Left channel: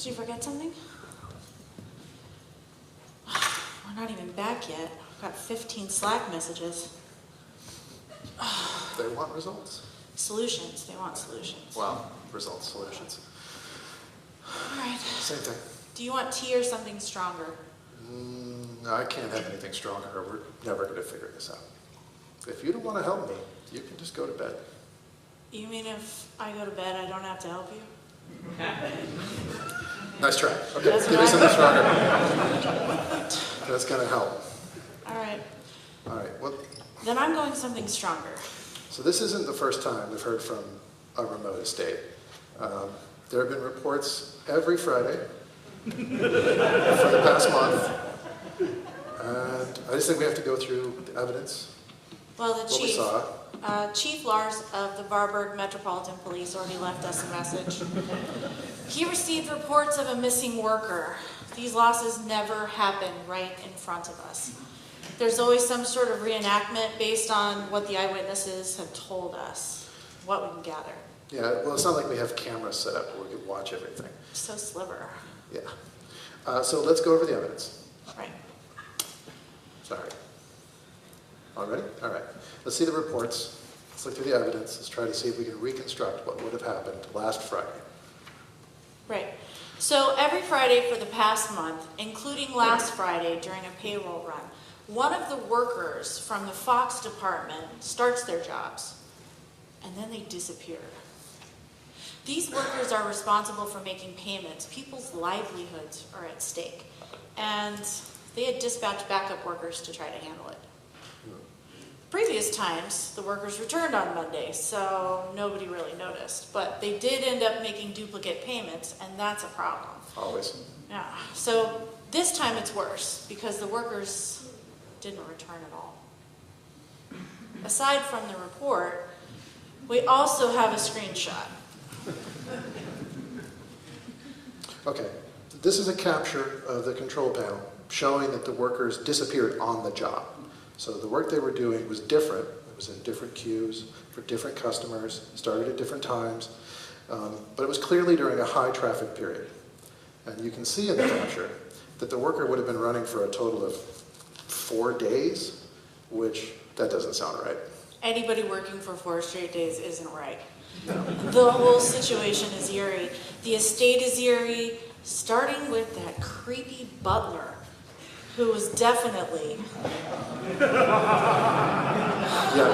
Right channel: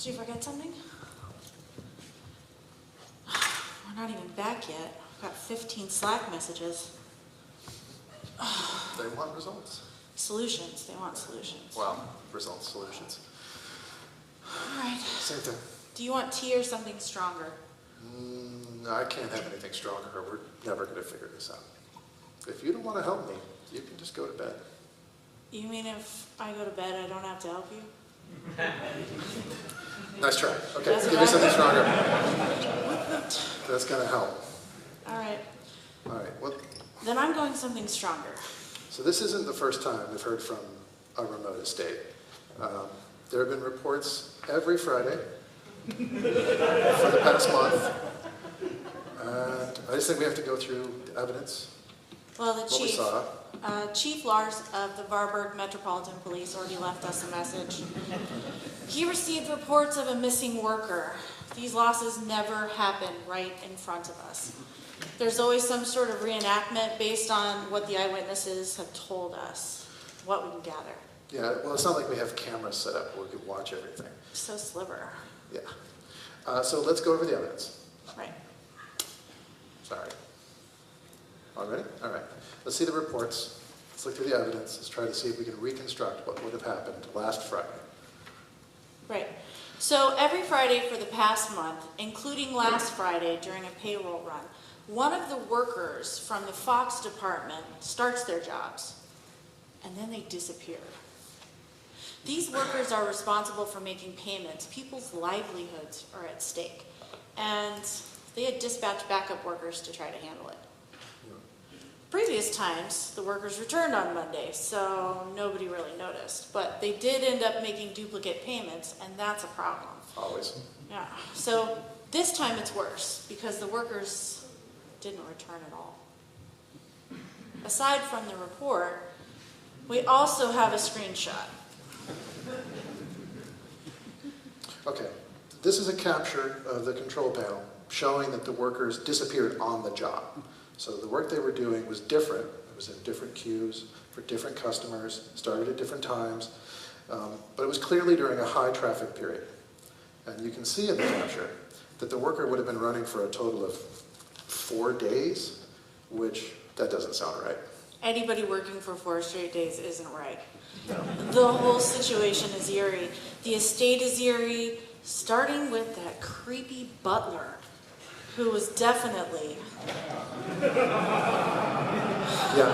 Did you forget something? We're not even back yet. I've got 15 Slack messages. They want results. Solutions. They want solutions. Well, results, solutions. All right. Same thing. Do you want tea or something stronger? No, I can't have anything stronger, or we're never going to figure this out. If you don't want to help me, you can just go to bed. You mean if I go to bed, I don't have to help you? Nice try. Okay, give me something stronger. That's going to help. All right. All right. Well, then I'm going something stronger. So this isn't the first time we've heard from a remote estate. There have been reports every Friday for the past month. And I just think we have to go through the evidence. Well, the what chief, we saw. Chief Lars of the Varberg Metropolitan Police already left us a message. He received reports of a missing worker. These losses never happen right in front of us. There's always some sort of reenactment based on what the eyewitnesses have told us, what we can gather. Yeah, well, it's not like we have cameras set up where we can watch everything. So sliver. Yeah. So let's go over the evidence. Right. Sorry. All ready? All right. Let's see the reports. Let's look through the evidence. Let's try to see if we can reconstruct what would have happened last Friday. Right. So every Friday for the past month, including last Friday during a payroll run, one of the workers from the Fox department starts their jobs, and then they disappear. These workers are responsible for making payments. People's livelihoods are at stake. And they had dispatched backup workers to try to handle it. Previous times, the workers returned on Monday, so nobody really noticed. But they did end up making duplicate payments, and that's a problem. Always. Yeah. So this time it's worse, because the workers didn't return at all. Aside from the report, we also have a screenshot. Okay. This is a capture of the control panel showing that the workers disappeared on the job. So the work they were doing was different. It was in different queues for different customers, started at different times, but it was clearly during a high traffic period. And you can see in the capture that the worker would have been running for a total of 4 days, which that doesn't sound right. Anybody working for 4 straight days isn't right. The whole situation is eerie. The estate is eerie, starting with that creepy butler, who was definitely... Yeah.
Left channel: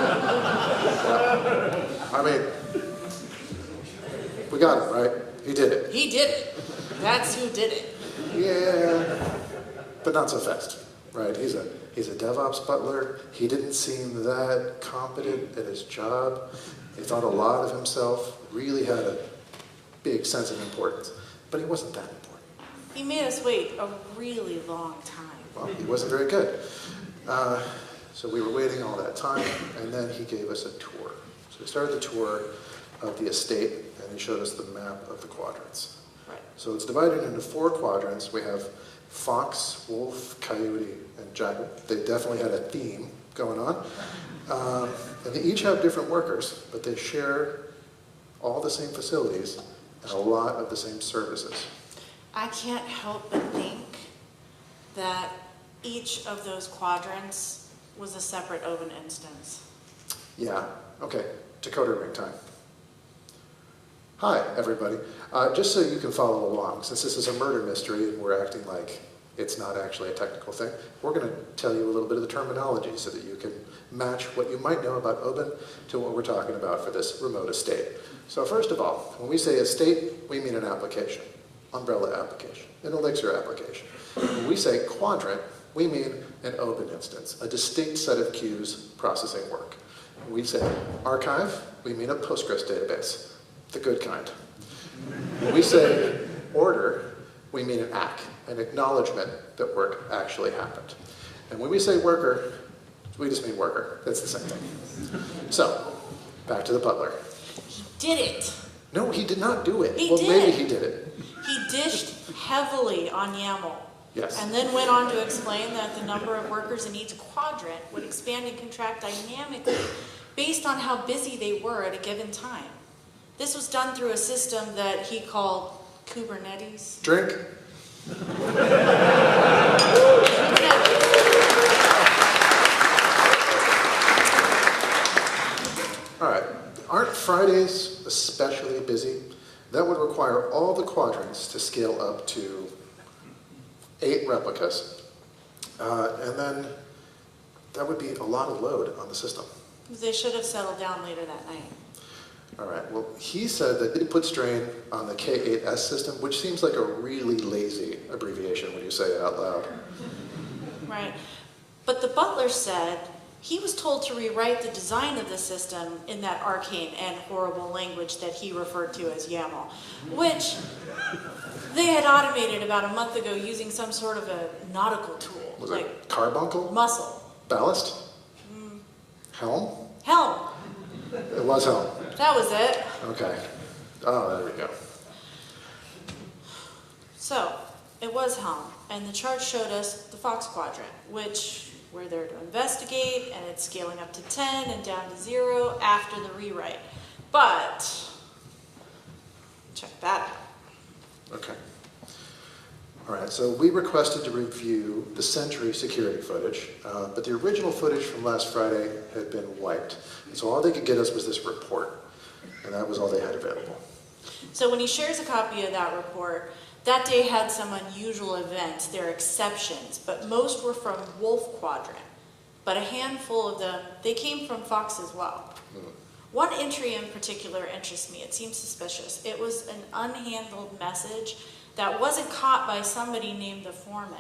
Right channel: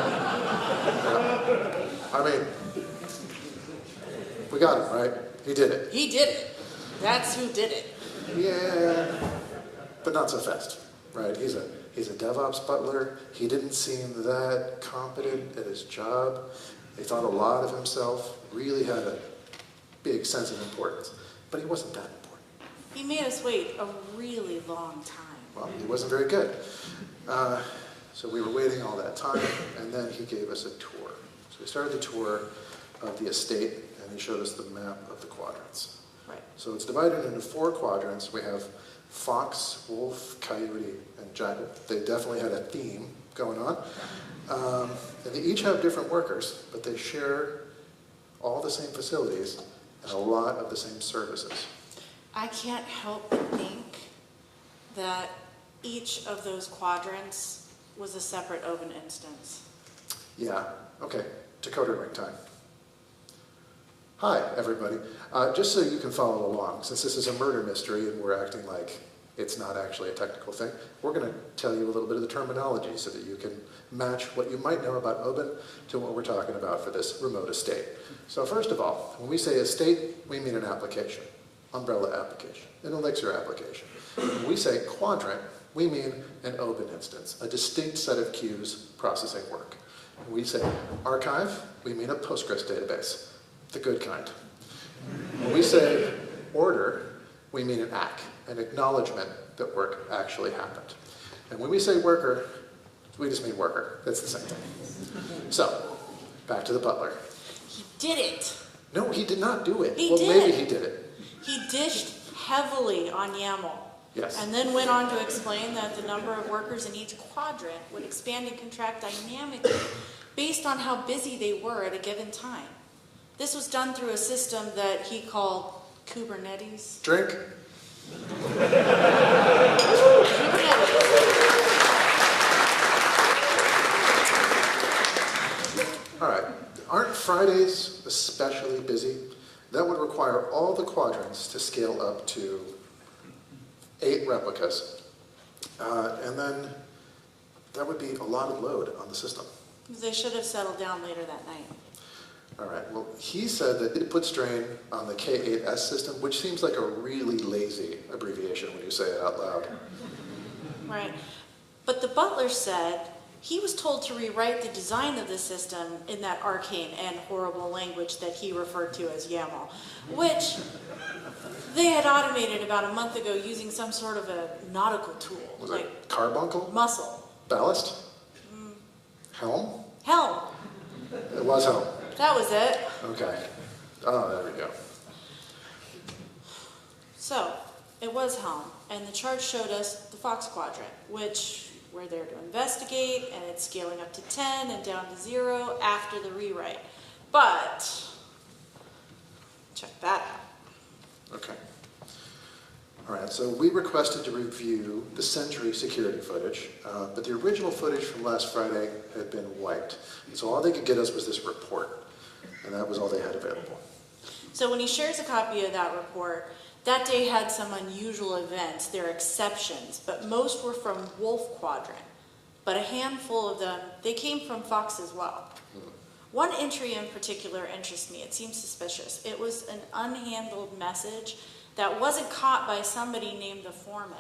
I mean, we got it, right? He did it. He did it. That's who did it. Yeah, but not so fast, right? He's a DevOps butler. He didn't seem that competent at his job. He thought a lot of himself, really had a big sense of importance. But he wasn't that important. He made us wait a really long time. Well, he wasn't very good. So we were waiting all that time, and then he gave us a tour. So we started the tour of the estate, and he showed us the map of the quadrants. Right. So it's divided into 4 quadrants. We have fox, wolf, coyote, and jackal. They definitely had a theme going on. And they each have different workers, but they share all the same facilities and a lot of the same services. I can't help but think that each of those quadrants was a separate Oban instance. Yeah, okay. Decoder ring time. Hi, everybody. Just so you can follow along, since this is a murder mystery and we're acting like it's not actually a technical thing, we're going to tell you a little bit of the terminology so that you can match what you might know about Oban to what we're talking about for this remote estate. So first of all, when we say estate, we mean an application, umbrella application, an Elixir application. When we say quadrant, we mean an Oban instance, a distinct set of queues processing work. When we say archive, we mean a Postgres database, the good kind. When we say order, we mean an ACK, an acknowledgement that work actually happened. And when we say worker, we just mean worker. That's the same thing. So, back to the butler. He did it. No, he did not do it. He well, did. Maybe he did it. He dished heavily on YAML. Yes. And then went on to explain that the number of workers in each quadrant would expand and contract dynamically based on how busy they were at a given time. This was done through a system that he called Kubernetes. Drink. All right. Aren't Fridays especially busy? That would require all the quadrants to scale up to 8 replicas. And then that would be a lot of load on the system. They should have settled down later that night. All right, well, he said that it put strain on the K8S system, which seems like a really lazy abbreviation when you say it out loud. Right. But the butler said he was told to rewrite the design of the system in that arcane and horrible language that he referred to as YAML, which they had automated about a month ago using some sort of a nautical tool. Was like it carbuncle? Muscle. Ballast? Helm? Helm. It was helm. That was it. Okay. Oh, there we go. So, it was Helm, and the chart showed us the Fox quadrant, which we're there to investigate, and it's scaling up to 10 and down to 0 after the rewrite. But, check that out. Okay. All right, so we requested to review the Sentry security footage, but the original footage from last Friday had been wiped. And so all they could get us was this report, and that was all they had available. So when he shares a copy of that report, that day had some unusual events. There are exceptions, but most were from Wolf Quadrant. But a handful of them, they came from Fox as well. One entry in particular interests me. It seems suspicious. It was an unhandled message that wasn't caught by somebody named the foreman.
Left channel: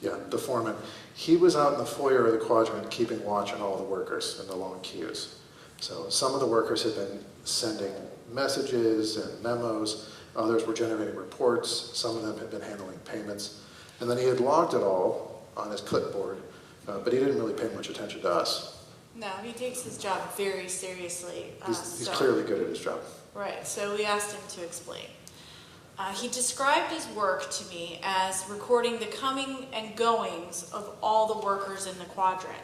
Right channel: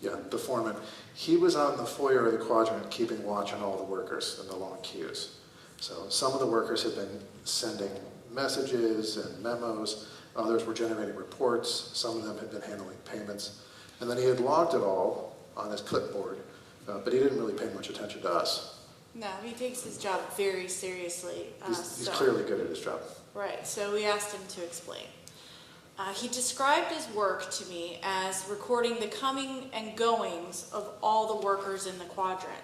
Yeah, the foreman. He was out in the foyer of the quadrant keeping watch on all the workers in the long queues. So some of the workers had been sending messages and memos. Others were generating reports. Some of them had been handling payments. And then he had logged it all on his clipboard, but he didn't really pay much attention to us. No, he takes his job very seriously. He's clearly good at his job. Right, so we asked him to explain. He described his work to me as recording the coming and goings of all the workers in the quadrant.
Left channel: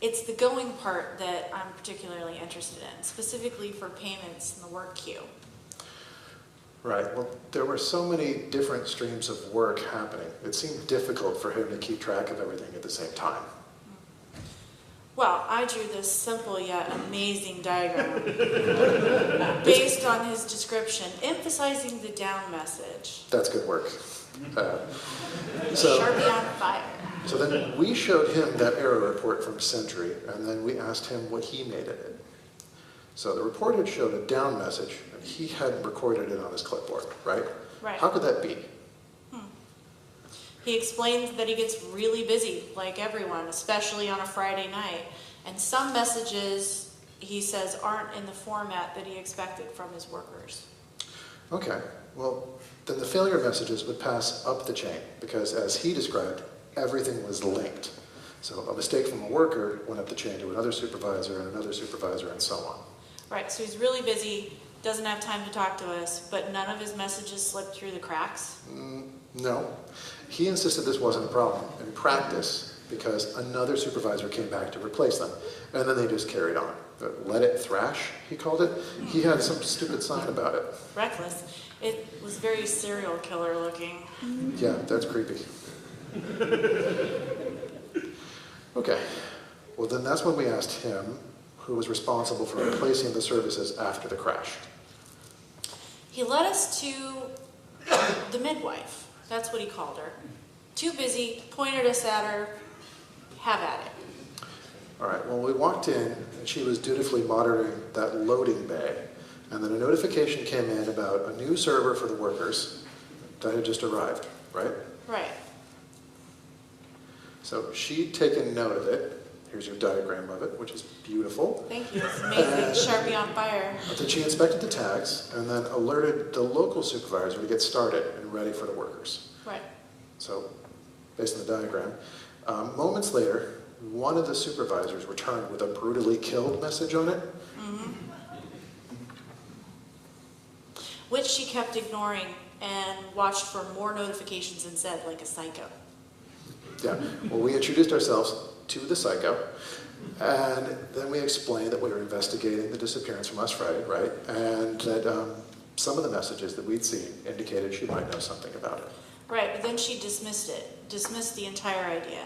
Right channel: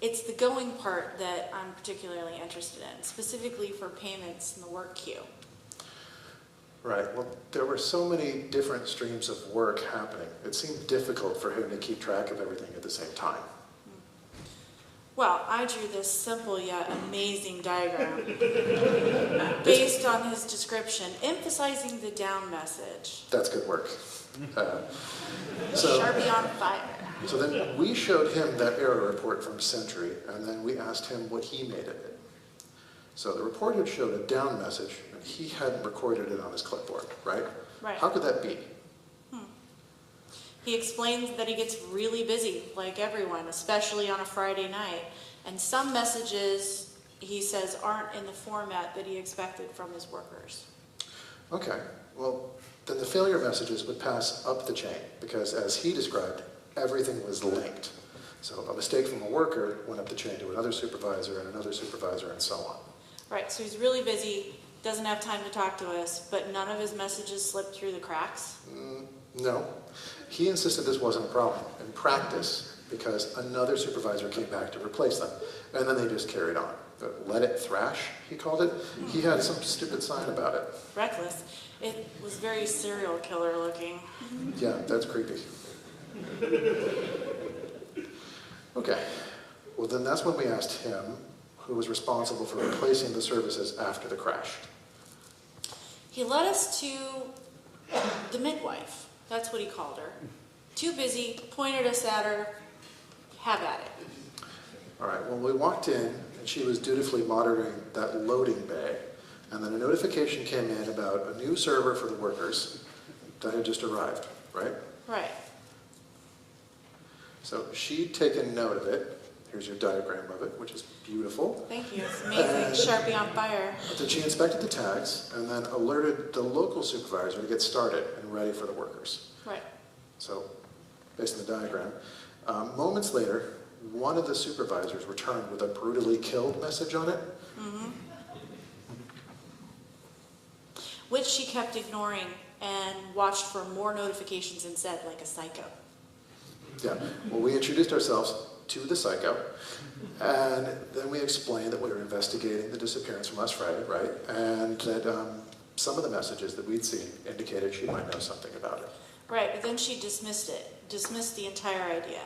It's the going part that I'm particularly interested in, specifically for payments in the work queue. Right, well, there were so many different streams of work happening. It seemed difficult for him to keep track of everything at the same time. Well, I drew this simple yet amazing diagram based on his description, emphasizing the down message. That's good work. Sharpie on fire. So then we showed him that error report from Sentry, and then we asked him what he made of it. So the report had showed a down message, and he hadn't recorded it on his clipboard, right? Right. How could that be? He explains that he gets really busy, like everyone, especially on a Friday night. And some messages, he says, aren't in the format that he expected from his workers. Okay, well, then the failure messages would pass up the chain, because as he described, everything was linked. So a mistake from a worker went up the chain to another supervisor and another supervisor and so on. Right, so he's really busy, doesn't have time to talk to us, but none of his messages slipped through the cracks? No. He insisted this wasn't a problem in practice because another supervisor came back to replace them, and then they just carried on. But let it thrash, he called it. He had some stupid sign about it. Reckless. It was very serial killer looking. Yeah, that's creepy. Okay. Well, then that's when we asked him who was responsible for replacing the services after the crash. He led us to the midwife. That's what he called her. Too busy, pointed us at her, have at it. All right, well, we walked in, and she was dutifully monitoring that loading bay, and then a notification came in about a new server for the workers that had just arrived, right? Right. So she'd taken note of it. Here's your diagram of it, which is beautiful. Thank you. It's amazing. Sharpie on fire. But then she inspected the tags and then alerted the local supervisor to get started and ready for the workers. Right. So, based on the diagram, moments later, one of the supervisors returned with a brutally killed message on it. Which she kept ignoring and watched for more notifications instead, like a psycho. Yeah, well, we introduced ourselves to the psycho, and then we explained that we were investigating the disappearance from last Friday, right? And that some of the messages that we'd seen indicated she might know something about it. Right, but then she dismissed the entire idea.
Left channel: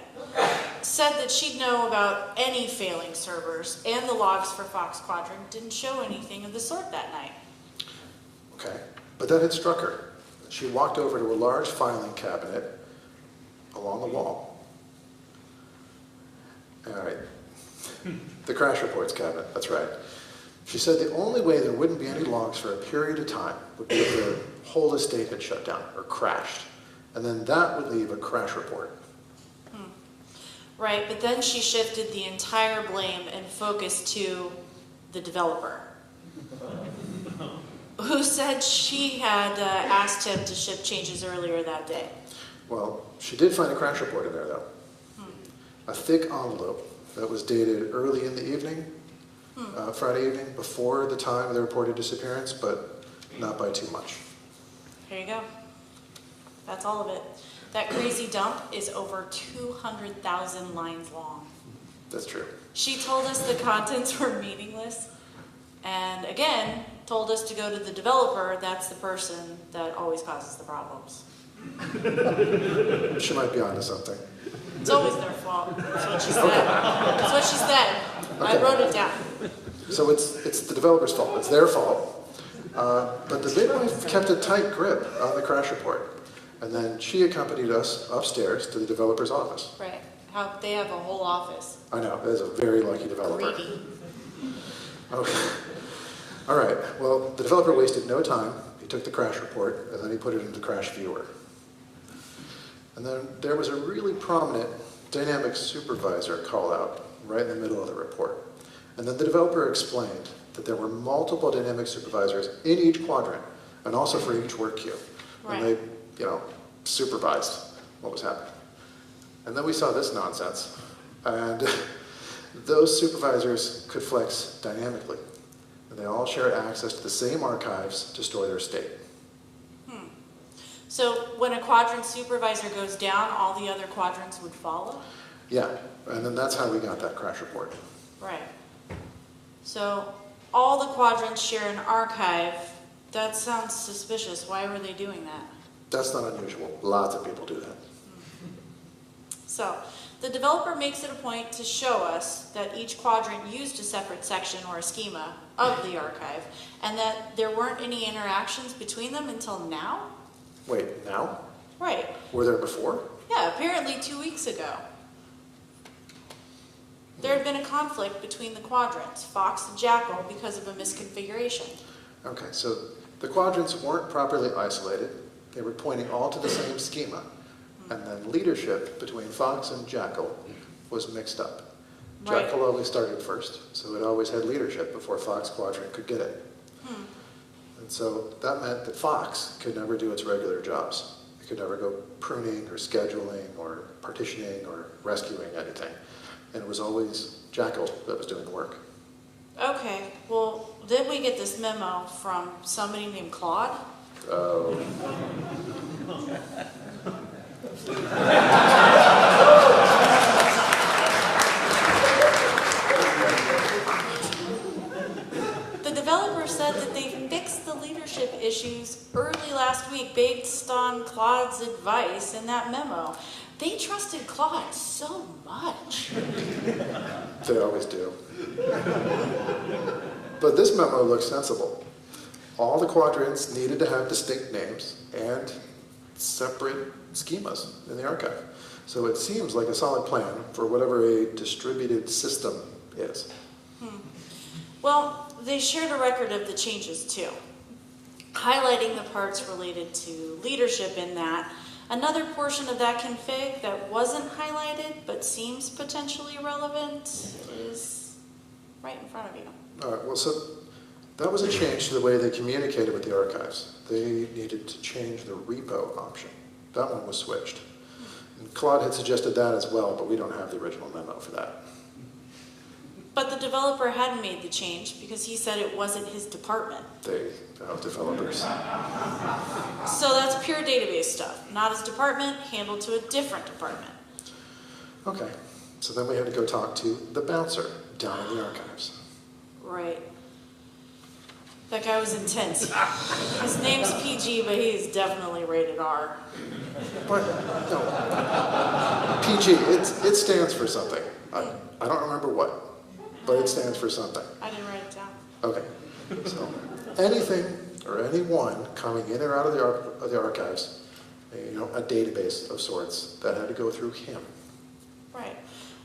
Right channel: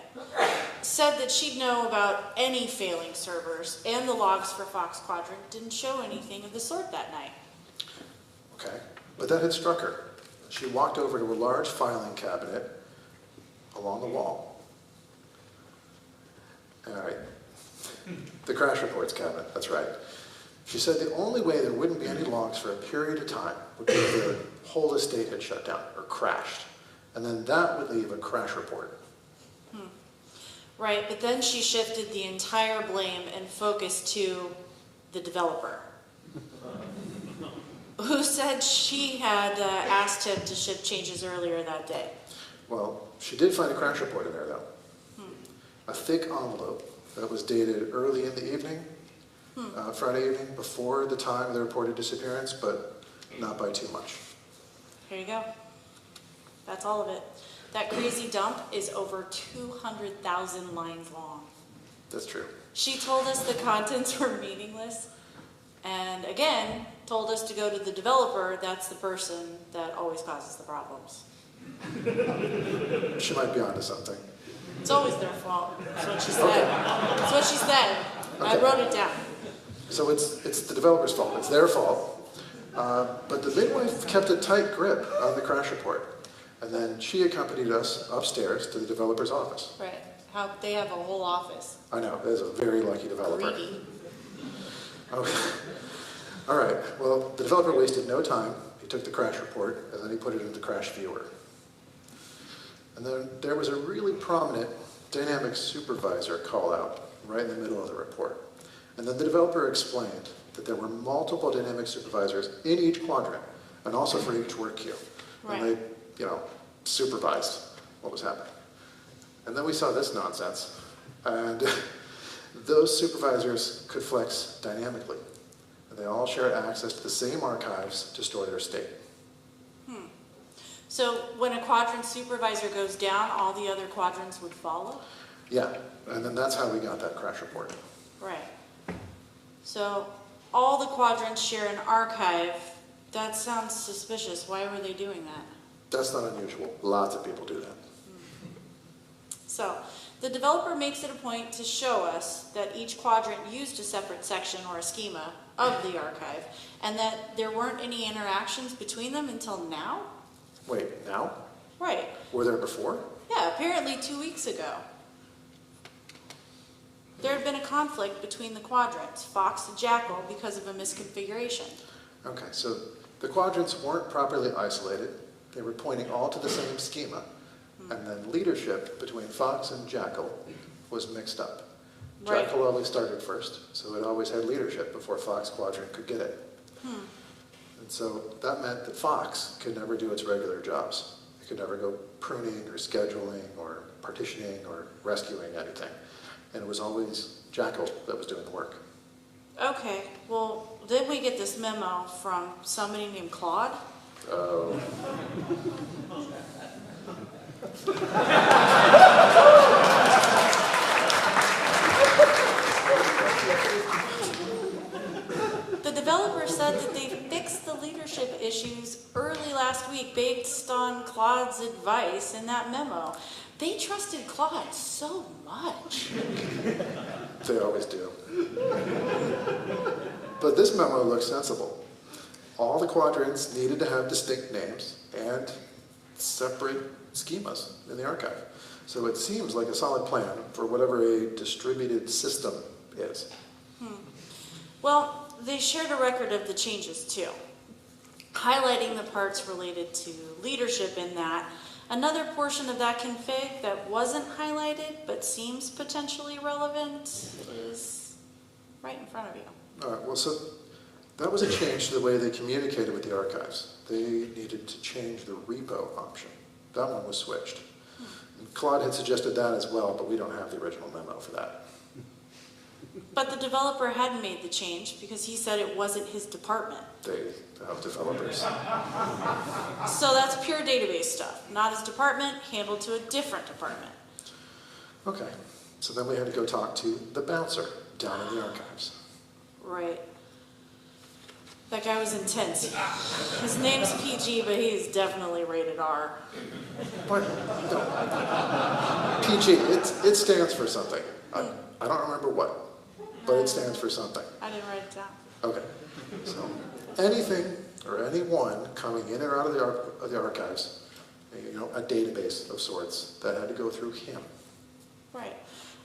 Said that she'd know about any failing servers, and the logs for Fox Quadrant didn't show anything of the sort that night. Okay, but that had struck her. She walked over to a large filing cabinet along the wall. All right, the crash reports cabinet, that's right. She said the only way there wouldn't be any logs for a period of time would be if the whole estate had shut down or crashed. And then that would leave a crash report. Right, but then she shifted the entire blame and focus to the developer, who said she had asked him to ship changes earlier that day. Well, she did find a crash report in there, though. A thick envelope that was dated early in the evening, Friday evening, before the time of the reported disappearance, but not by too much. Here you go. That's all of it. That crazy dump is over 200,000 lines long. That's true. She told us the contents were meaningless, and again, told us to go to the developer. That's the person that always causes the problems. She might be onto something. It's always their fault. That's what she said. That's what she said. Okay. I wrote it down. So it's the developer's fault. It's their fault. But the big wife kept a tight grip on the crash report. And then she accompanied us upstairs to the developer's office. Right. They have a whole office. I know, that is a very lucky developer. Greedy. Okay. All right, well, the developer wasted no time. He took the crash report, and then he put it into Crash Viewer. And then there was a really prominent dynamic supervisor call out right in the middle of the report. And then the developer explained that there were multiple dynamic supervisors in each quadrant, and also for each work queue. Right. And they, supervised what was happening. And then we saw this nonsense. And those supervisors could flex dynamically. And they all shared access to the same archives to store their state. So when a quadrant supervisor goes down, all the other quadrants would follow? Yeah, and then that's how we got that crash report. Right. So all the quadrants share an archive. That sounds suspicious. Why were they doing that? That's not unusual. Lots of people do that. So the developer makes it a point to show us that each quadrant used a separate section or a schema of the archive, and that there weren't any interactions between them until now? Wait, now? Right. Were there before? Yeah, apparently 2 weeks ago. There had been a conflict between the quadrants, Fox and Jackal, because of a misconfiguration. Okay, so the quadrants weren't properly isolated. They were pointing all to the same schema. And then leadership between Fox and Jackal was mixed up. Right. Jackal always started first, so it always had leadership before Fox Quadrant could get it. And so that meant that Fox could never do its regular jobs. It could never go pruning or scheduling or partitioning or rescuing anything. And it was always Jackal that was doing the work. Okay, well, then we get this memo from somebody named Claude. Oh. The developer said that they fixed the leadership issues early last week based on Claude's advice in that memo. They trusted Claude so much. They always do. But this memo looks sensible. All the quadrants needed to have distinct names and separate schemas in the archive. So it seems like a solid plan for whatever a distributed system is. Well, they shared a record of the changes too, highlighting the parts related to leadership in that. Another portion of that config that wasn't highlighted but seems potentially relevant is right in front of you. All right, well, so that was a change to the way they communicated with the archives. They needed to change the repo option. That one was switched. And Claude had suggested that as well, but we don't have the original memo for that. But the developer hadn't made the change because he said it wasn't his department. They have developers. So that's pure database stuff. Not his department, handled to a different department. Okay, so then we had to go talk to the bouncer down in the archives. Right. That guy was intense. His name's PG, but he's definitely rated R. But, no. PG, it stands for something. I don't remember what, but it stands for something. I didn't write it down. Okay. So anything or anyone coming in or out of the archives, a database of sorts that had to go through him. Right.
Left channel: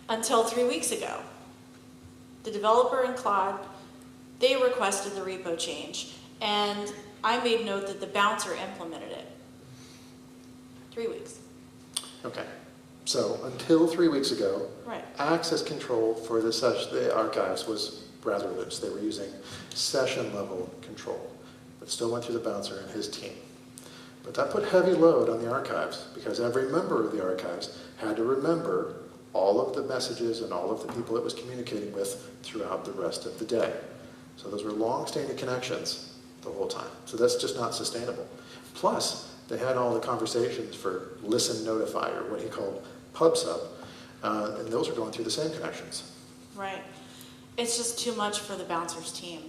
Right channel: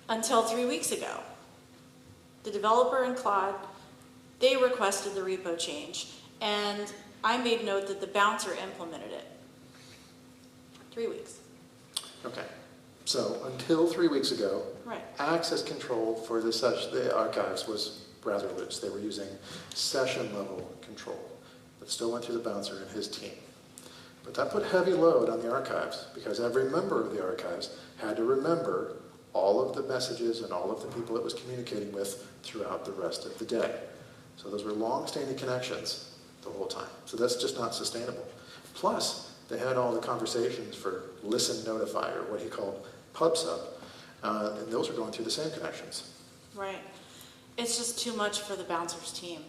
Until 3 weeks ago. The developer and Claude, they requested the repo change, and I made note that the bouncer implemented it. 3 weeks. Okay. So until 3 weeks ago, Right. access control for the archives was rather loose. They were using session level control. It still went through the bouncer and his team. But that put heavy load on the archives because every member of the archives had to remember all of the messages and all of the people it was communicating with throughout the rest of the day. So those were long-standing connections the whole time. So that's just not sustainable. Plus, they had all the conversations for listen, notify, or what he called pub sub, and those are going through the same connections. Right. It's just too much for the bouncer's team.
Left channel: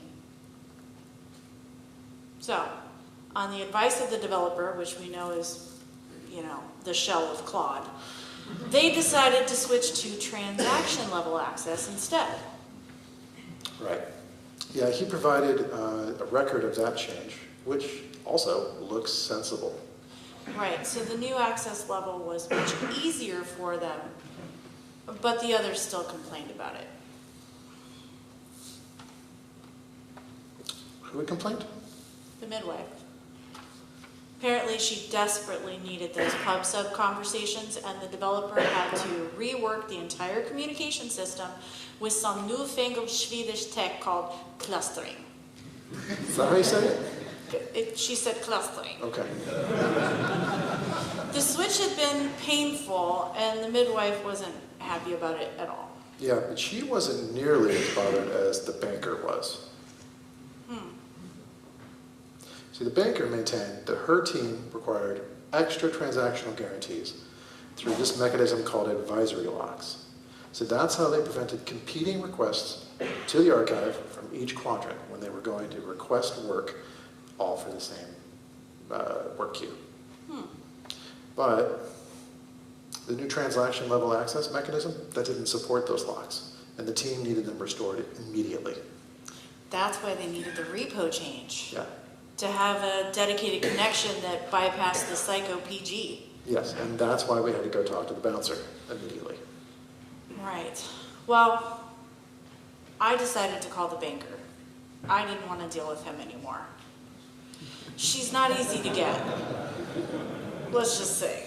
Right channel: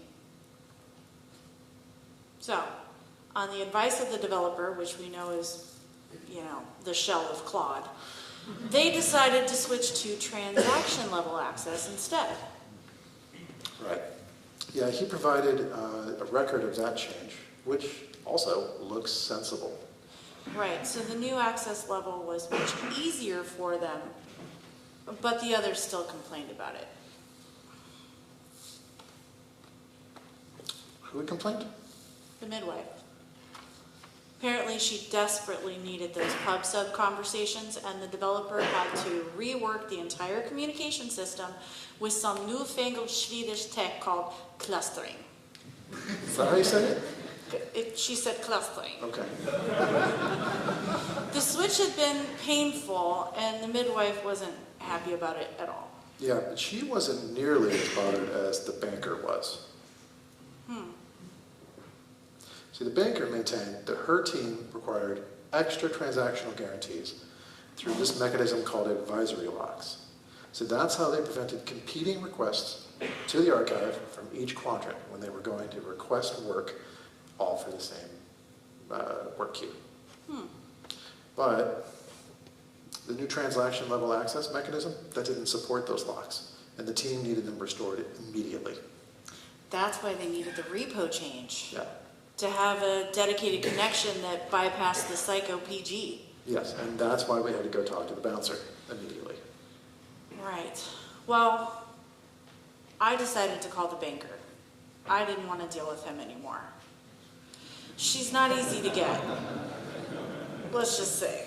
So, on the advice of the developer, which we know is, the shell of Claude, they decided to switch to transaction level access instead. Right. Yeah, he provided a record of that change, which also looks sensible. Right, so the new access level was much easier for them, but the others still complained about it. Who complained? The midwife. Apparently she desperately needed those pub sub conversations, and the developer had to rework the entire communication system with some newfangled Swedish tech called clustering. Is that how you say it? She said clustering. Okay. The switch had been painful, and the midwife wasn't happy about it at all. Yeah, but she wasn't nearly as bothered as the banker was. See, the banker maintained that her team required extra transactional guarantees through this mechanism called advisory locks. So that's how they prevented competing requests to the archive from each quadrant when they were going to request work all for the same work queue. But the new transaction level access mechanism, that didn't support those locks, and the team needed them restored immediately. That's why they needed the repo change. Yeah. To have a dedicated connection that bypassed the psycho PG. Yes, and that's why we had to go talk to the bouncer immediately. Right. Well, I decided to call the banker. I didn't want to deal with him anymore. She's not easy to get. Let's just say.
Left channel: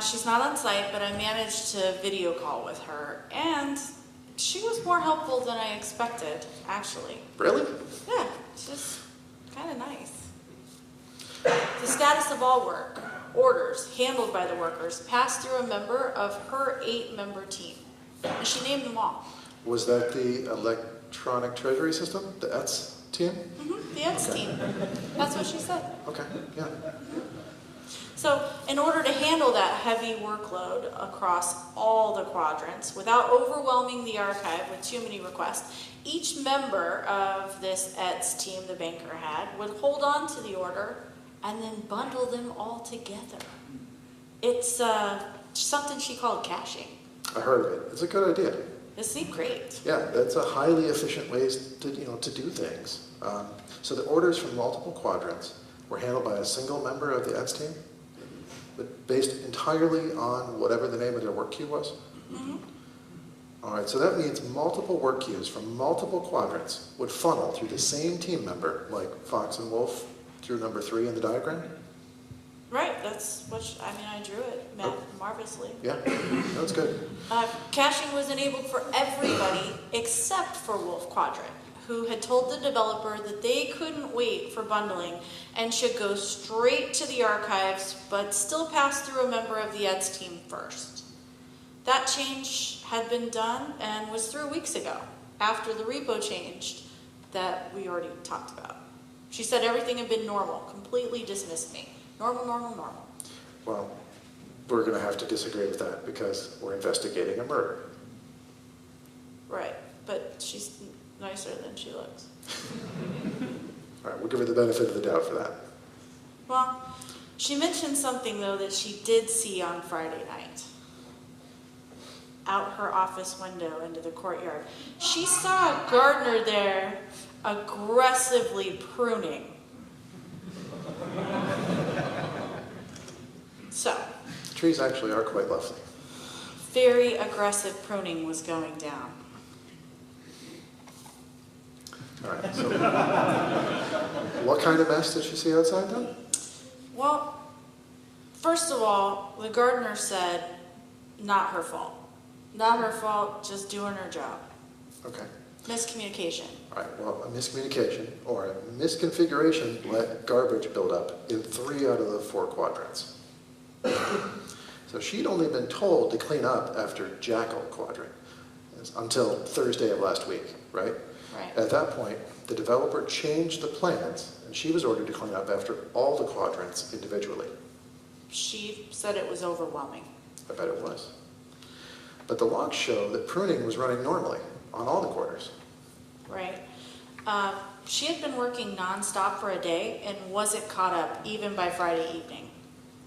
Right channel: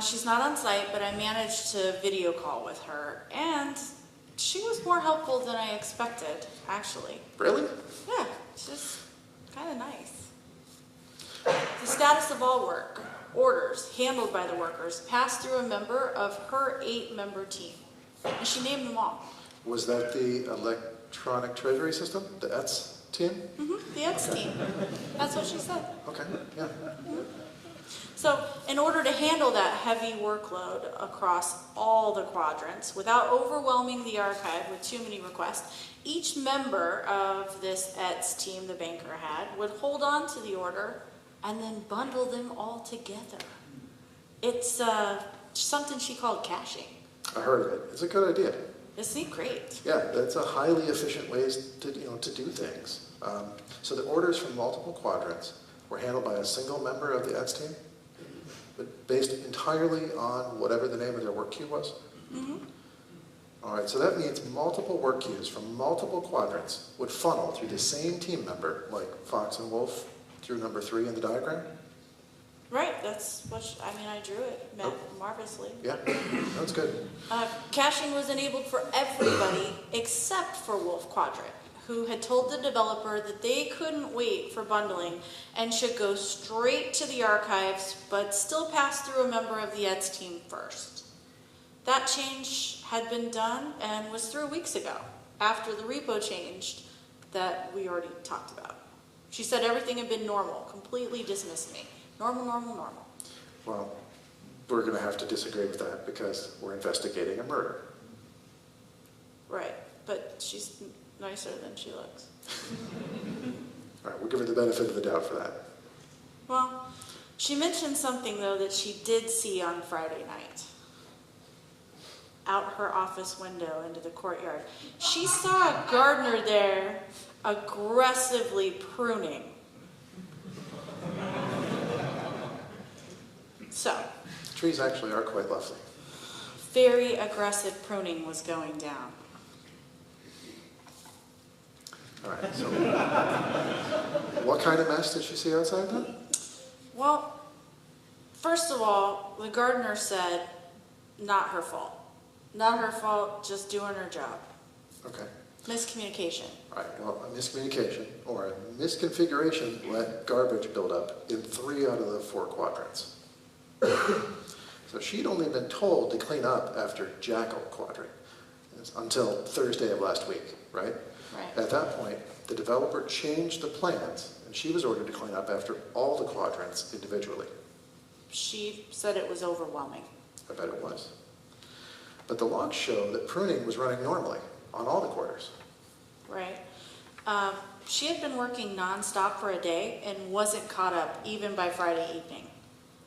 She's not on site, but I managed to video call with her, and she was more helpful than I expected, actually. Really? Yeah, it's just kind of nice. The status of all work, orders handled by the workers, passed through a member of her 8-member team. And she named them all. Was that the electronic treasury system, the ETS team? The ETS team. That's what she said. Okay, yeah. So, in order to handle that heavy workload across all the quadrants without overwhelming the archive with too many requests, each member of this ETS team the banker had would hold on to the order and then bundle them all together. It's something she called caching. I heard of it. It's a good idea. Isn't it great? Yeah, that's a highly efficient way to do things. So the orders from multiple quadrants were handled by a single member of the ETS team, but based entirely on whatever the name of their work queue was? All right, so that means multiple work queues from multiple quadrants would funnel through the same team member, like Fox and Wolf through number 3 in the diagram? Right, that's what I drew it marvelously. Yeah, that's good. Caching was enabled for everybody except for Wolf Quadrant, who had told the developer that they couldn't wait for bundling and should go straight to the archives, but still pass through a member of the ETS team first. That change had been done and was through weeks ago, after the repo changed that we already talked about. She said everything had been normal, completely dismissed me. Normal. Well, we're going to have to disagree with that because we're investigating a murder. Right, but she's nicer than she looks. All right, we'll give her the benefit of the doubt for that. Well, she mentioned something, though, that she did see on Friday night. Out her office window into the courtyard. She saw a gardener there aggressively pruning. So, Trees actually are quite lovely. very aggressive pruning was going down. All right, so what kind of mess did she see outside then? Well, first of all, the gardener said, not her fault. Not her fault, just doing her job. Okay. Miscommunication. All right, well, a miscommunication or a misconfiguration let garbage build up in 3 out of the 4 quadrants. So she'd only been told to clean up after Jackal quadrant until Thursday of last week, right? Right. At that point, the developer changed the plans, and she was ordered to clean up after all the quadrants individually. She said it was overwhelming. I bet it was. But the logs show that pruning was running normally on all the quarters. Right. She had been working nonstop for a day and wasn't caught up even by Friday evening.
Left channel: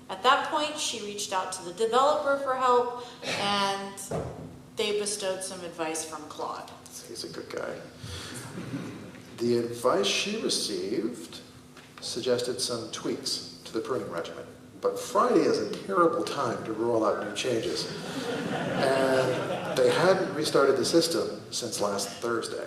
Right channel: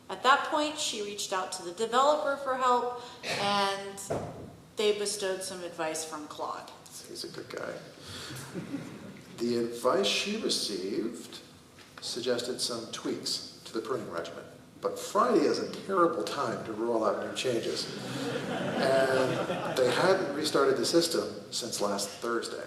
At that point, she reached out to the developer for help, and they bestowed some advice from Claude. He's a good guy. The advice she received suggested some tweaks to the pruning regimen. But Friday is a terrible time to roll out new changes. And they hadn't restarted the system since last Thursday.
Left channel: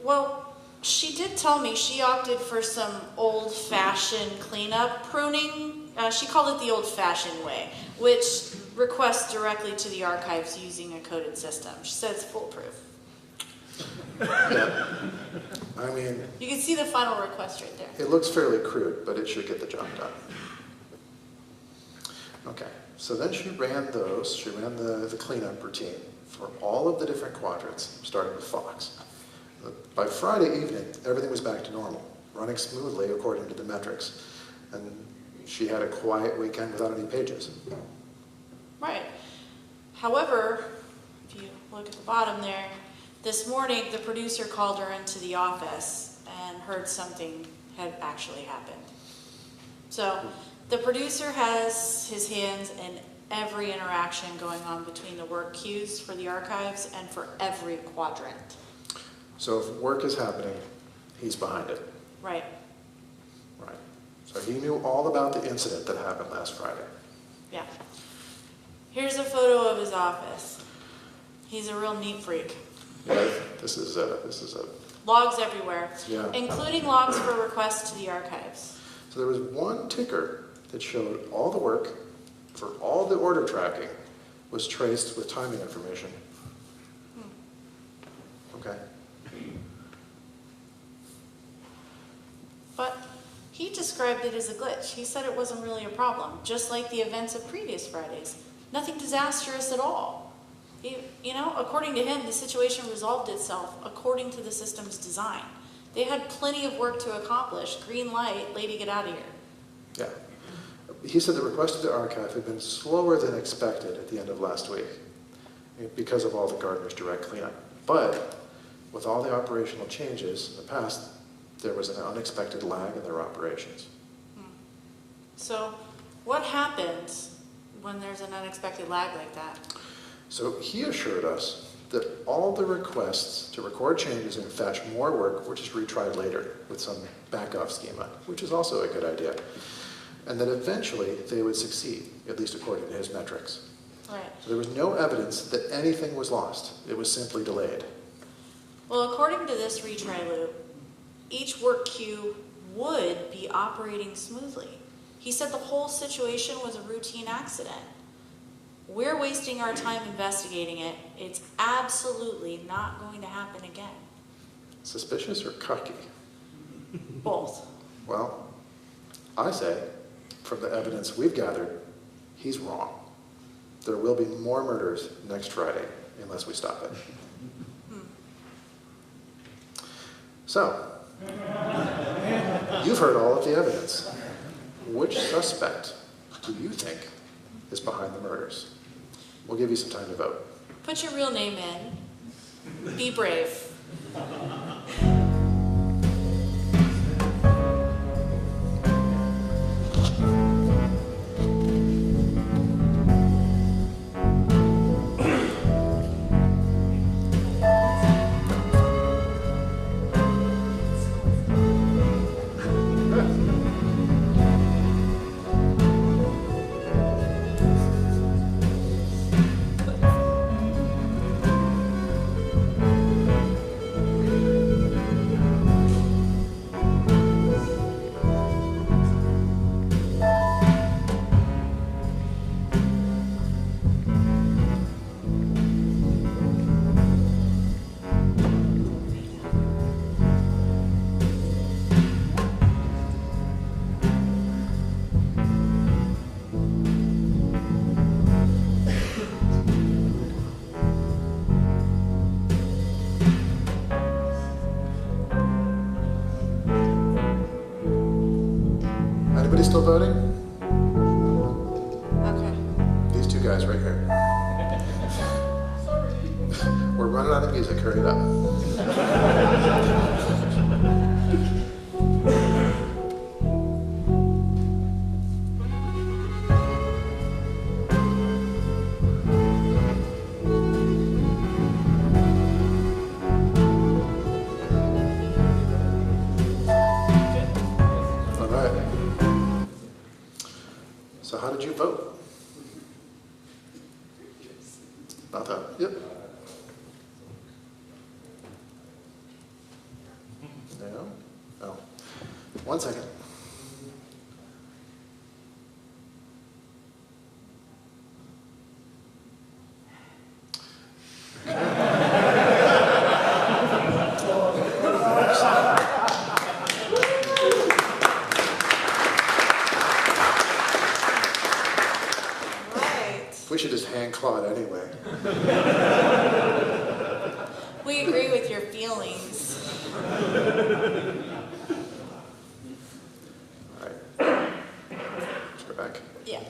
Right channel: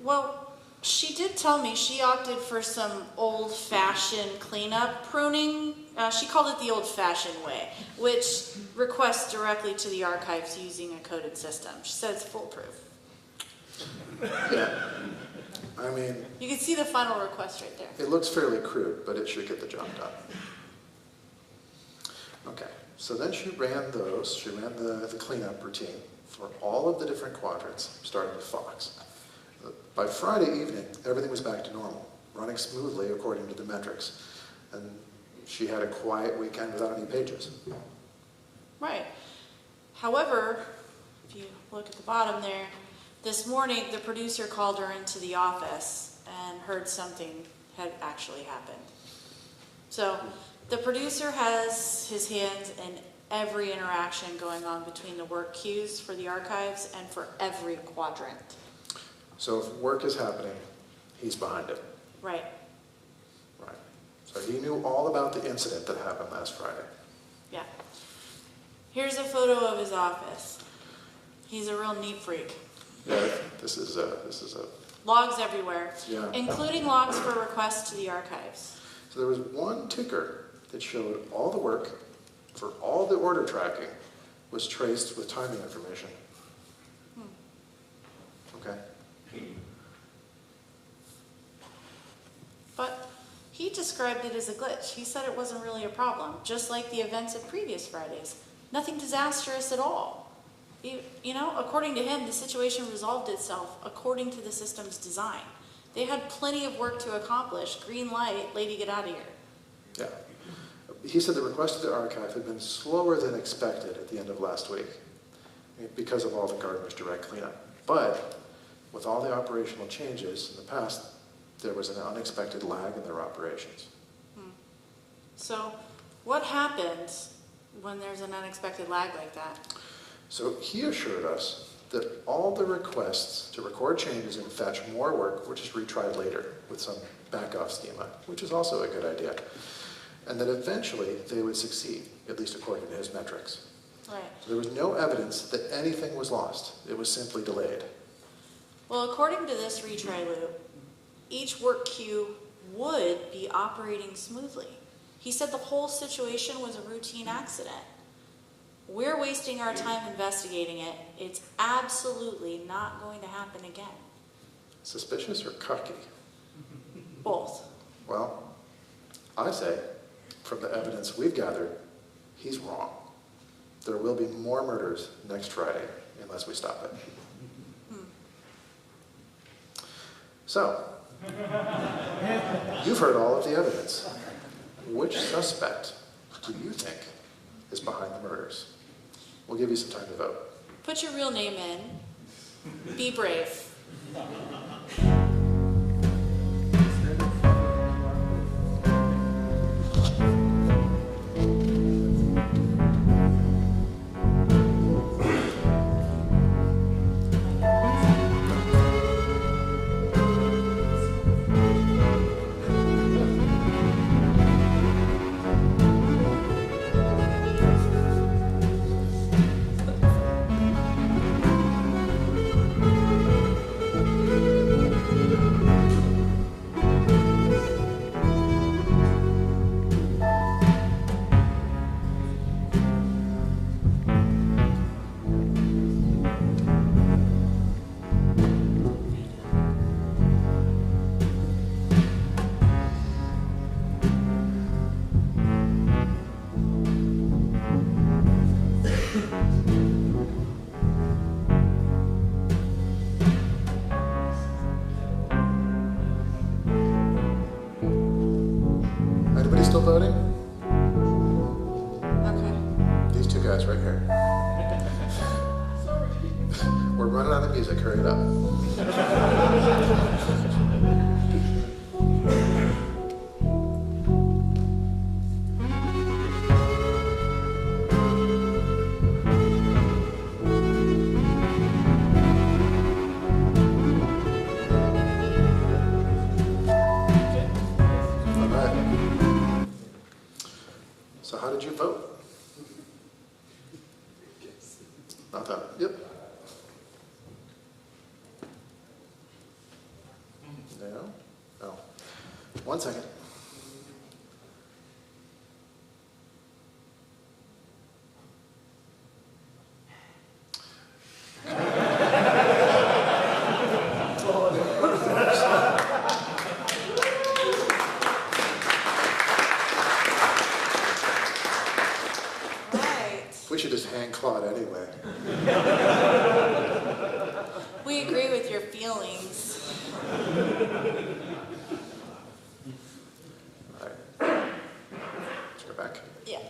Well, she did tell me she opted for some old-fashioned cleanup pruning. She called it the old-fashioned way, which requests directly to the archives using a coded system. She said it's foolproof. Yeah. I mean, You can see the final request right there. it looks fairly crude, but it should get the job done. Okay, so then she ran the cleanup routine for all of the different quadrants, starting with Fox. By Friday evening, everything was back to normal, running smoothly according to the metrics. And she had a quiet weekend without any pages. Right. However, if you look at the bottom there, this morning the producer called her into the office and heard something had actually happened. So the producer has his hands in every interaction going on between the work queues for the archives and for every quadrant. So if work is happening, he's behind it. Right. Right. So he knew all about the incident that happened last Friday. Yeah. Here's a photo of his office. He's a real neat freak. Right? This is a Logs everywhere, yeah. including logs for requests to the archives. So there was one ticker that showed all the work for all the order tracking was traced with timing information. Okay. But he described it as a glitch. He said it wasn't really a problem, just like the events of previous Fridays. Nothing disastrous at all. According to him, the situation resolved itself according to the system's design. They had plenty of work to accomplish. Green light, lady, get out of here. Yeah. He said the request to the archive had been slower than expected at the end of last week because of all the gardener's direct cleanup. But with all the operational changes in the past, there was an unexpected lag in their operations. So what happens when there's an unexpected lag like that? So he assured us that all the requests to record changes and fetch more work were just retried later with some back-off schema, which is also a good idea. And that eventually they would succeed, at least according to his metrics. Right. So there was no evidence that anything was lost. It was simply delayed. Well, according to this retry loop, each work queue would be operating smoothly. He said the whole situation was a routine accident. We're wasting our time investigating it. It's absolutely not going to happen again. Suspicious or cocky? Both. Well, I say, from the evidence we've gathered, he's wrong. There will be more murders next Friday unless we stop it. So, you've heard all of the evidence. Which suspect do you think is behind the murders? We'll give you some time to vote. Put your real name in. Be brave. guys right here. We're running out of music, hurry it up. All right. So how did you vote? Not that. Yep. No? Oh. 1 second. Right. We should just hang Claude anyway. We agree with your feelings. All right. Let's go back. Yeah.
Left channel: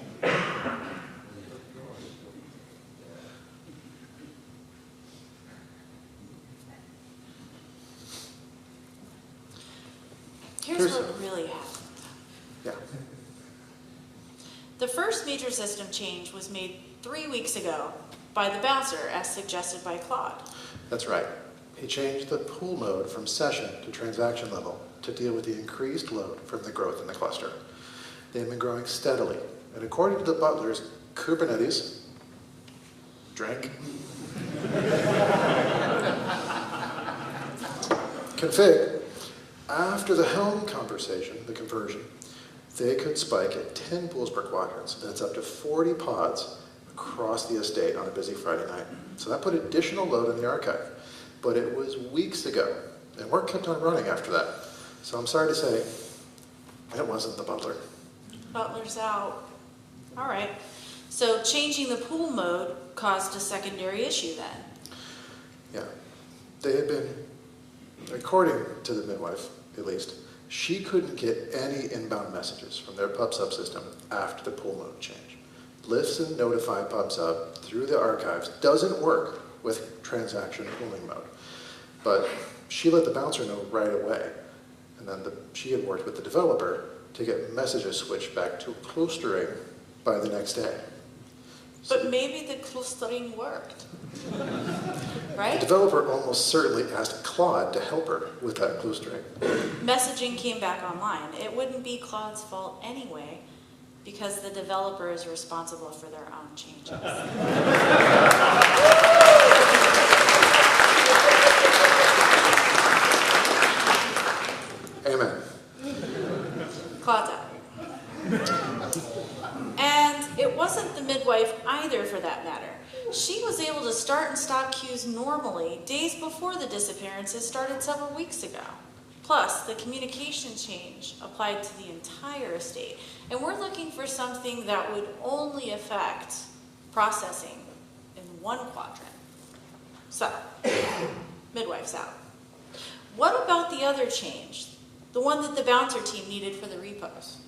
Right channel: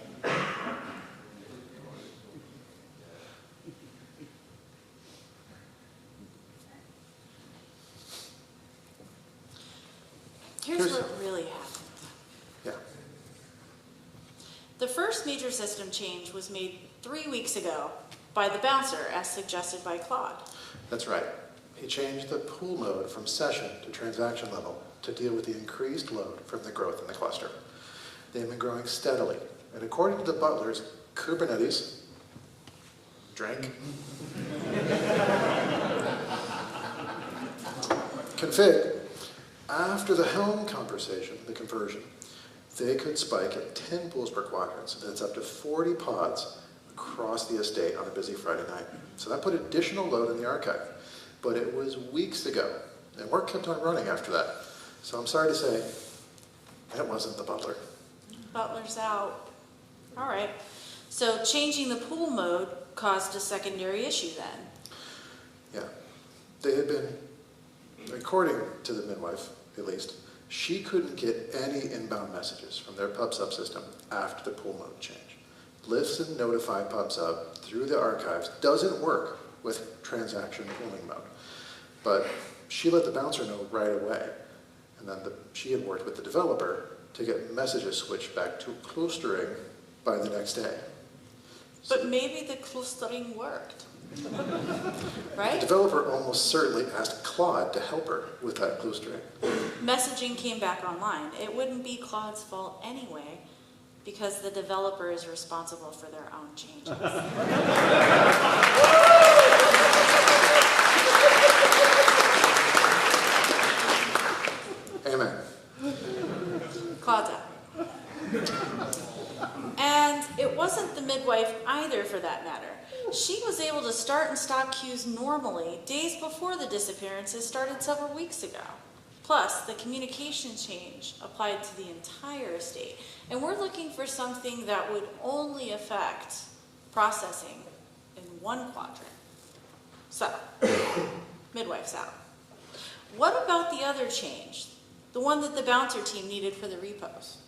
Here's what really happened. Yeah. The first major system change was made 3 weeks ago by the bouncer, as suggested by Claude. That's right. He changed the pool mode from session to transaction level to deal with the increased load from the growth in the cluster. They've been growing steadily, and according to the butlers, Kubernetes, drink, config, after the Helm conversation, the conversion, they could spike at 10 pools per quadrant. So that's up to 40 pods across the estate on a busy Friday night. So that put additional load in the archive. But it was weeks ago, and work kept on running after that. So I'm sorry to say, it wasn't the butler. Butler's out. All right. So changing the pool mode caused a secondary issue then. Yeah. They had been, according to the midwife, at least, she couldn't get any inbound messages from their pub subsystem after the pool mode change. Listen, notify pub sub through the archives doesn't work with transaction pooling mode. But she let the bouncer know right away. And then she had worked with the developer to get messages switched back to clustering by the next day. But maybe the clustering worked. The Right? developer almost certainly asked Claude to help her with that clustering. Messaging came back online. It wouldn't be Claude's fault anyway, because the developer is responsible for their own changes. Amen. Claude's out. And it wasn't the midwife either, for that matter. She was able to start and stop queues normally days before the disappearances started several weeks ago. Plus, the communication change applied to the entire estate. And we're looking for something that would only affect processing in one quadrant. So, midwife's out. What about the other change? The one that the bouncer team needed for the repos?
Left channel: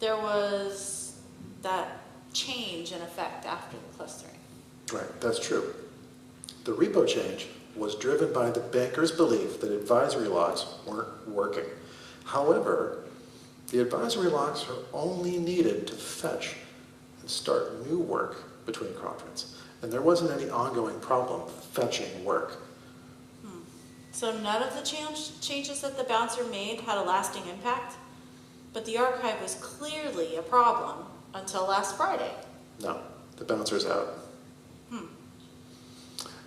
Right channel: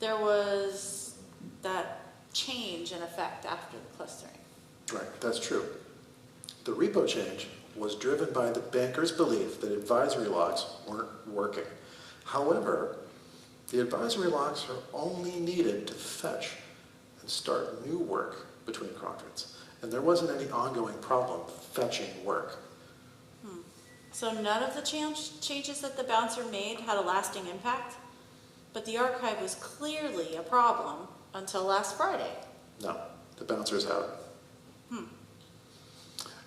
There was that change in effect after the clustering. Right, that's true. The repo change was driven by the banker's belief that advisory locks weren't working. However, the advisory locks are only needed to fetch and start new work between quadrants. And there wasn't any ongoing problem fetching work. So none of the changes that the bouncer made had a lasting impact? But the archive was clearly a problem until last Friday. No, the bouncer's out.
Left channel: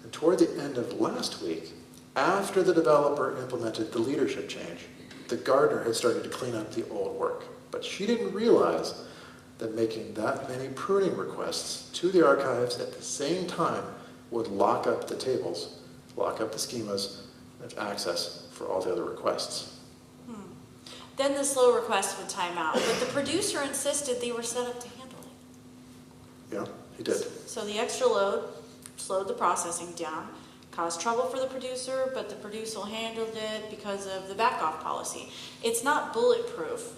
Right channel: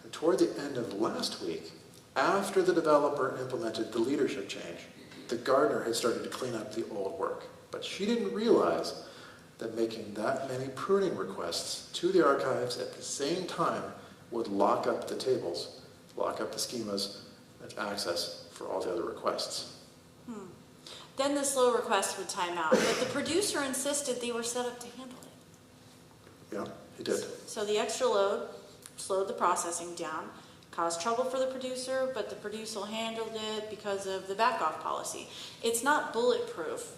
And toward the end of last week, after the developer implemented the leadership change, the gardener had started to clean up the old work. But she didn't realize that making that many pruning requests to the archives at the same time would lock up the tables, lock up the schemas, and access for all the other requests. Then the slow request would time out, but the producer insisted they were set up to handle it. Yeah, he did. So the extra load slowed the processing down, caused trouble for the producer, but the producer handled it because of the back-off policy. It's not bulletproof,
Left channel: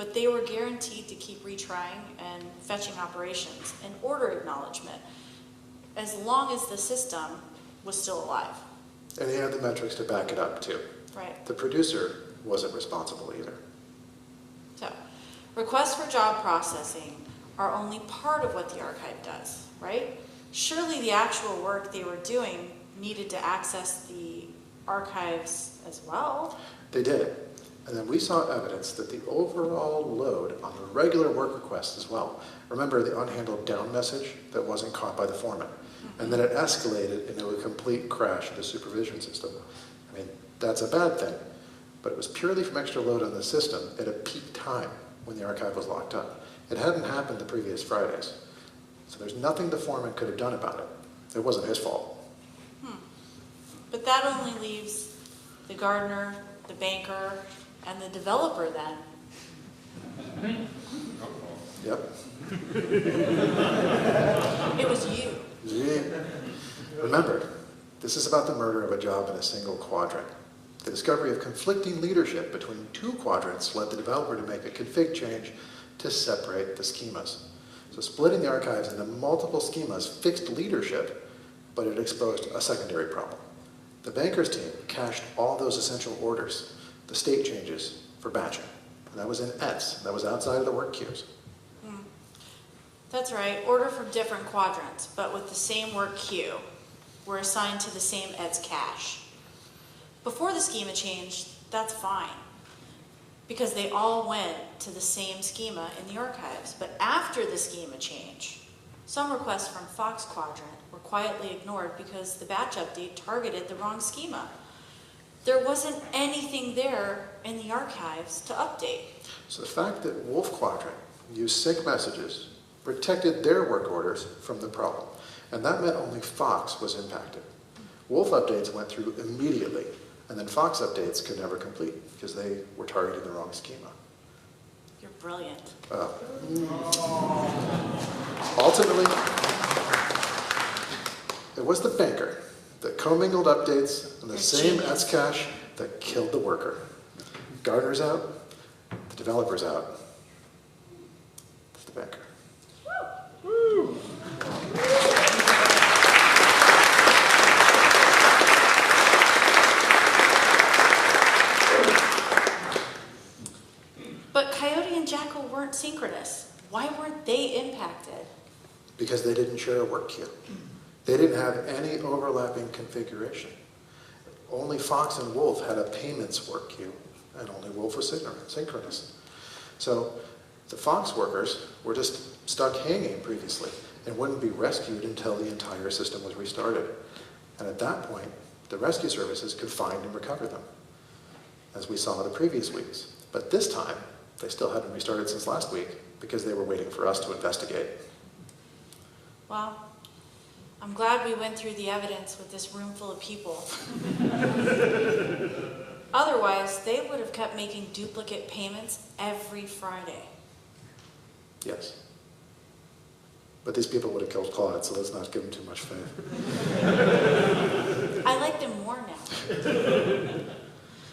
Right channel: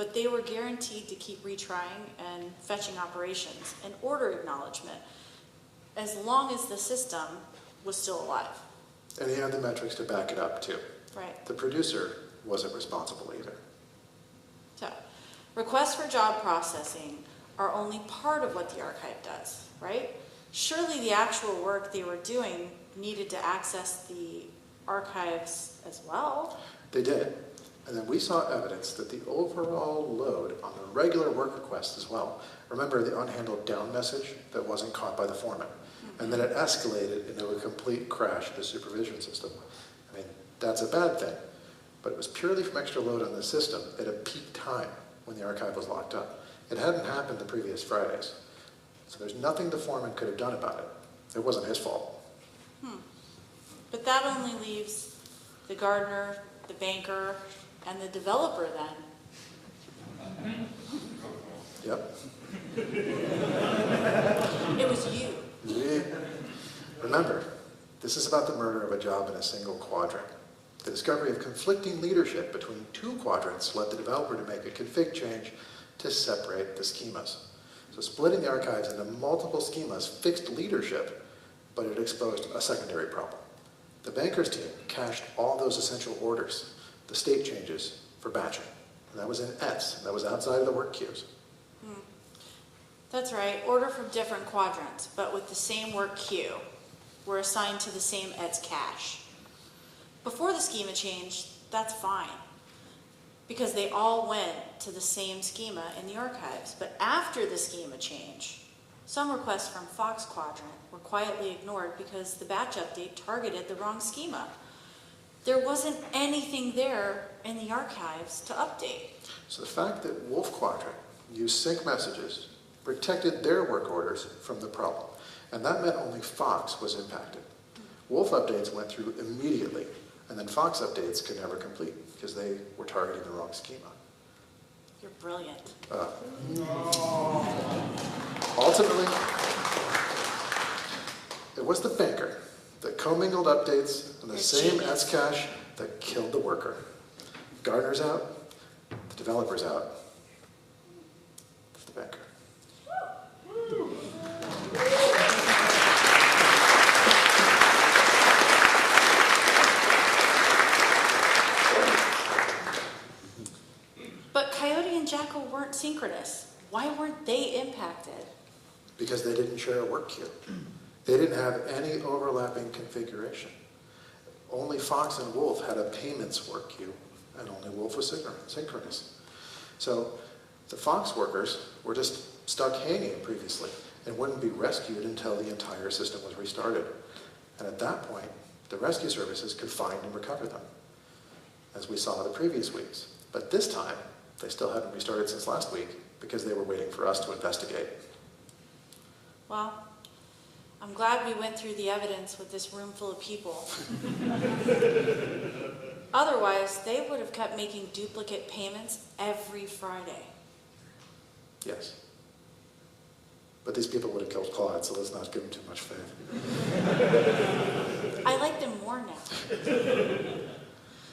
but they were guaranteed to keep retrying and fetching operations and order acknowledgement as long as the system was still alive. And he had the metrics to back it up, too. Right. The producer wasn't responsible either. So, requests for job processing are only part of what the archive does, right? Surely the actual work they were doing needed to access the archives as well. They did. And then we saw evidence that the overall load on the regular work requests as well. Remember the unhandled down message that wasn't caught by the foreman? And then it escalated into a complete crash of the supervision system. I mean, that's a bad thing. But it was purely from extra load on the system at a peak time when the archive was locked up. It hadn't happened the previous Fridays. So there's nothing the foreman could have done about it. It wasn't his fault. But that only leaves the gardener, the banker, and the developer then. Yep. It was you. Yeah. Remember, this is about the murder of a job in a single quadrant. The discovery of conflicting leadership between two quadrants led the developer to make a config change to separate the schemas. So splitting the archives into multiple schemas fixed leadership, but it exposed a secondary problem. The banker's team cached all those essential orders, the state changes, for batching. And that was in ETS. That was outside of the work queues. That's right. Order from different quadrants, but with the same work queue, were assigned to the same ETS cache. Before the schema changed, that's fine, because they all went to the same schema in the archives. But after the schema change, some requests from Fox Quadrant were quietly ignored because the batch update targeted the wrong schema. There wasn't anything there in the archives to update. So the fact that Wolf Quadrant used sync messages protected their work orders from the problem. And that meant only Fox was impacted. Wolf updates went through immediately, and then Fox updates could never complete because they were targeting the wrong schema. You're brilliant. Ultimately, it was the banker that commingled updates on the same ETS cache that killed the worker. Gardner's out, the developer's out. It's the banker. But Coyote and Jackal weren't synchronous. Why weren't they impacted? Because they didn't share a work queue. They didn't have any overlapping configuration. Only Fox and Wolf had a payments work queue, and only Wolf was synchronous. So the Fox workers were just stuck hanging previously and wouldn't be rescued until the entire system was restarted. And at that point, the rescue services could find and recover them, as we saw the previous weeks. But this time, they still hadn't restarted since last week because they were waiting for us to investigate. Well, I'm glad we went through the evidence with this room full of people. Otherwise, they would have kept making duplicate payments every Friday. Yes. But these people would have killed Claude, so let's not give them too much faith. I like them more now.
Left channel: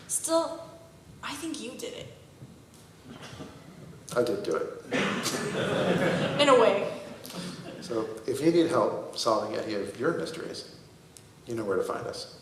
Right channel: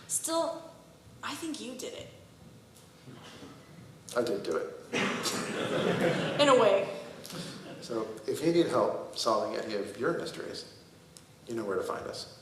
Still, I think you did it. I did do it. In a way. So if you need help solving any of your mysteries, you know where to find us.